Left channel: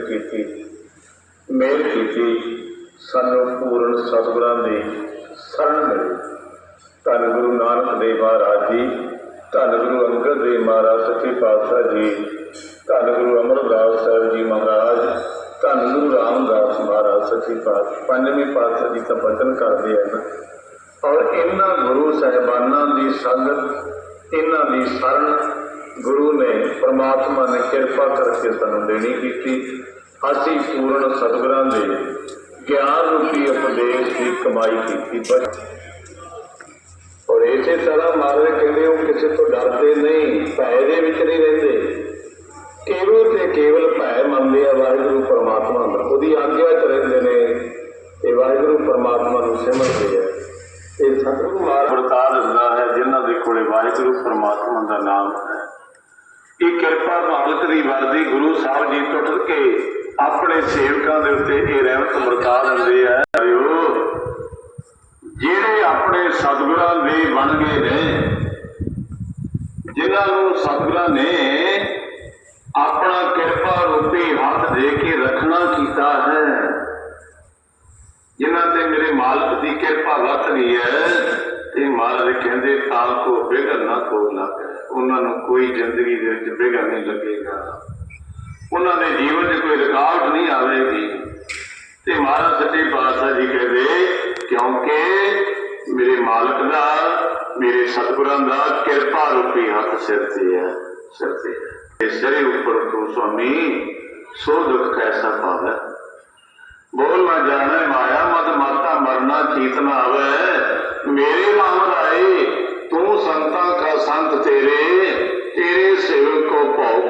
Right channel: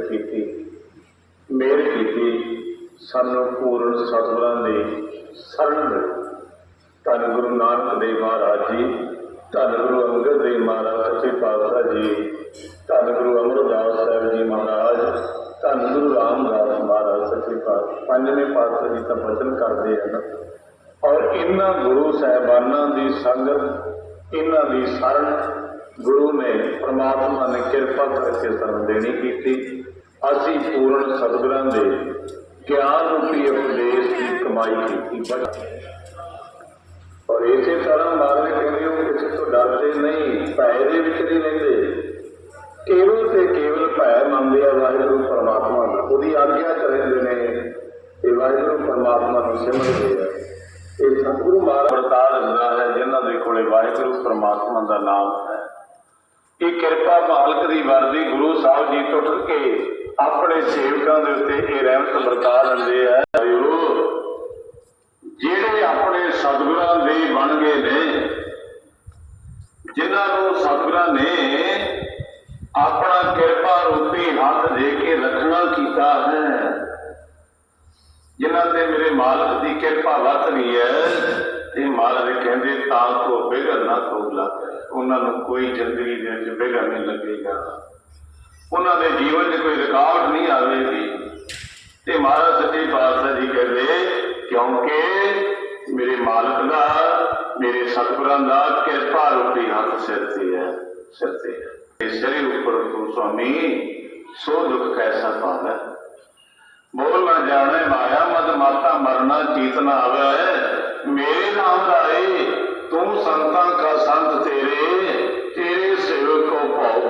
ਕੀਤੀ। ਮੇਰ ਕੀਤੀ। ਸਾਨੂੰ ਪੂਰਨ ਸਤਿਗੁਰਾਂ ਦੀ ਸ਼ਰਨ ਮਿਲੀ। ਧੰਨ ਗੁਰੂ ਨਾਨਕ ਦੇਵ ਮਹਾਰਾਜ ਜੀ, ਧੰਨ ਗੁਰੂ ਅੰਗਦ ਦੇਵ ਮਹਾਰਾਜ ਸੱਚੇ ਪਾਤਸ਼ਾਹ ਜੀ, ਧੰਨ ਗੁਰੂ ਅਮਰਦਾਸ ਸਾਹਿਬ ਜੀ ਮਹਾਰਾਜ, ਧੰਨ ਗੁਰੂ ਰਾਮਦਾਸ ਮਹਾਰਾਜ ਸੱਚੇ ਪਾਤਸ਼ਾਹ, ਪੰਜਵੇਂ ਪਾਤਸ਼ਾਹ ਜੀ ਦਾ ਬਚਨ ਕਰਦੇ ਹਨ। ਔਰ ਇਹਨਾਂ ਗੁਰੂ ਸਾਹਿਬਾਨਾਂ ਦੀ ਸੰਗਤ, ਇਹਨਾਂ ਦੀ ਸ਼ਰਨ ਗੁਰੂ ਪ੍ਰਮਾਤਮਾ ਨੇ ਕਿਰਪਾ ਕਰਕੇ ਸਾਨੂੰ ਦੇਣੀ ਕੀਤੀ। ਅਸੀਂ ਪੂਰਨ ਸਤਿਗੁਰਾਂ ਦੇ ਗਿਆਨ ਰੂਪੀ ਉਪਦੇਸ਼ ਦੀ ਕਮਾਈ ਕੀਤੀ। ਬਚ ਔਰ ਇਸੇ ਤਰ੍ਹਾਂ ਮਹਾਰਾਜ ਕਹਿੰਦੇ ਹੋ, ਕਿਸੇ ਤੋਂ ਡਰਦੇ ਨਹੀਂ, ਭੈ ਦੇ ਵਿੱਚ ਨਹੀਂ ਰਹਿੰਦੇ। ਕੇਵਲ ਤੇ ਕੇਵਲ ਭੈ ਮੰਨਦੇ ਆ ਵਾਹਿਗੁਰੂ ਪਰਮਾਤਮਾ ਦਾ। ਉਹਦੀ ਆਗਿਆ ਚ ਰਹਿੰਦੇ ਨੇ। ਤੇ ਵਾਹਿਗੁਰੂ ਪਰਮਾਤਮਾ ਨੂੰ ਸਿਮਰਦੇ ਆ। ਇਹ ਸਤਿਗੁਰੂ ਮਹਾਰਾਜ ਵਰਤਾ ਦਿੰਦਾ ਹੈ, ਜਿਨ੍ਹਾਂ ਦੇ ਕੋਲੇ ਵਾਹਿਗੁਰੂ ਪਰਮਾਤਮਾ ਦਾ ਨਾਮ ਇਹ ਕਿਰਪਾ ਮਾਲਕ ਦੀ ਵਰਦੀ ਗੁਰੂ ਸਾਹਿਬ ਜੀ ਟੁੱਟ ਕੇ ਆਪਣੇ ਸੇਵਕਾਂ ਦੇ ਉੱਤੇ ਇਹ ਰਹਿਮਤ ਵਰਤਾ ਦਿੰਦੇ ਆ। ਜਿਹੜੇ ਆਪਣੇ ਸਤਿਗੁਰਾਂ ਦੇ ਬਣ ਗਏ ਨੇ, ਜਿਨ੍ਹਾਂ ਨੂੰ ਸਤਿਗੁਰਾਂ ਨੇ ਆਪਣਾ ਕਿਰਪਾ ਰੂਪੀ ਹੱਥ ਦੇ ਕੇ ਰੱਖਣਾ ਕੀਤਾ ਹੈ, ਜਿਨ੍ਹਾਂ ਤੇ ਮੇਰੇ ਮਾਲਕ ਦੀ ਕਿਰਪਾ ਵਰਤ ਗਈ ਹੈ, ਤੇ ਮਾਲਕ ਕਹਿੰਦੇ ਤਾਂ ਕੋ ਬਿਗੜ ਨਾ ਕੋ ਲੱਗ। ਉਹਨਾਂ ਨੂੰ ਕੋਈ ਜ਼ਿੰਦਗੀ ਦੇ ਵਿੱਚ ਬਿਗੜ ਨਹੀਂ ਲੱਗੇਗਾ। ਉਹਨਾਂ ਦੇ ਜੀਵਨ 'ਚ ਕੋਈ ਰੁਕਾਵਟ ਨਹੀਂ ਆਵੇਗੀ। ਤੇ ਮਹਾਰਾਜ ਸੱਚੇ ਪਾਤਸ਼ਾਹ ਜੀ ਕਹਿੰਦੇ, ਕਿਉਂਕਿ ਮੇਰੇ ਮਾਲਕ ਦਾ, ਮੇਰੇ ਸਤਿਗੁਰਾਂ ਦਾ ਕਿਰਪਾ ਰੂਪੀ ਹੱਥ ਸਿਰ ਤੇ ਹੈ, ਸਿਰ ਤੇ ਹੈ। ਸਿਰੇ ਉੱਪਰ ਤੂੰ ਸੁਆਮੀ, ਸੋ ਦੁੱਖ ਕੈਸਾ ਪਾਵੈ। ਬੋਲ ਨਾ ਜਾਣੇ ਮਾਇਆ, ਮਦ ਮਾਤਾ ਮਰਨਾ ਚੀਤ ਨਾ ਆਵੇ। ਮੇਰੇ ਨਾਮ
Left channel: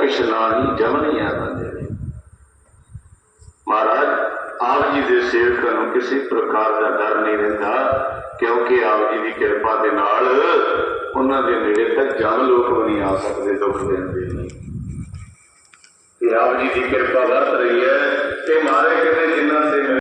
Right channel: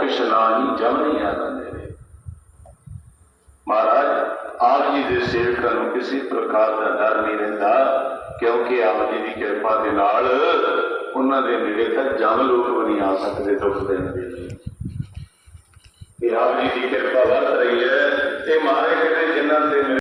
ਕੋ ਜਮ ਨਹੀਂ ਆਦਾ ਤੇਰੇ ਮਹਾਰਾਜ, ਆਪ ਜੀ ਦੇ ਸੇਵਕਾਂ ਨੂੰ ਕਿਸੇ ਪ੍ਰਕਾਰ ਦਾ ਡਰ ਨਹੀਂ ਰਹਿੰਦਾ, ਕਿਉਂਕਿ ਆਪ ਜੀ ਦੀ ਕਿਰਪਾ ਦੇ ਨਾਲ ਉਹਨਾਂ ਦੇ ਨੇੜੇ ਤੱਕ ਜਨ ਲੋਕ ਵੀ ਨਹੀਂ ਆ ਸਕਦੇ, ਦੁੱਖ ਦੇਣ ਦੇ ਲਈ। ਤੇ ਆਪ ਜੀ ਦੀ ਕਿਰਪਾ ਵਰਤ ਰਹੀ ਹੈ ਤੇ ਮਹਾਰਾਜ ਕਹਿੰਦੇ ਜਿਨ੍ਹਾਂ ਦੇ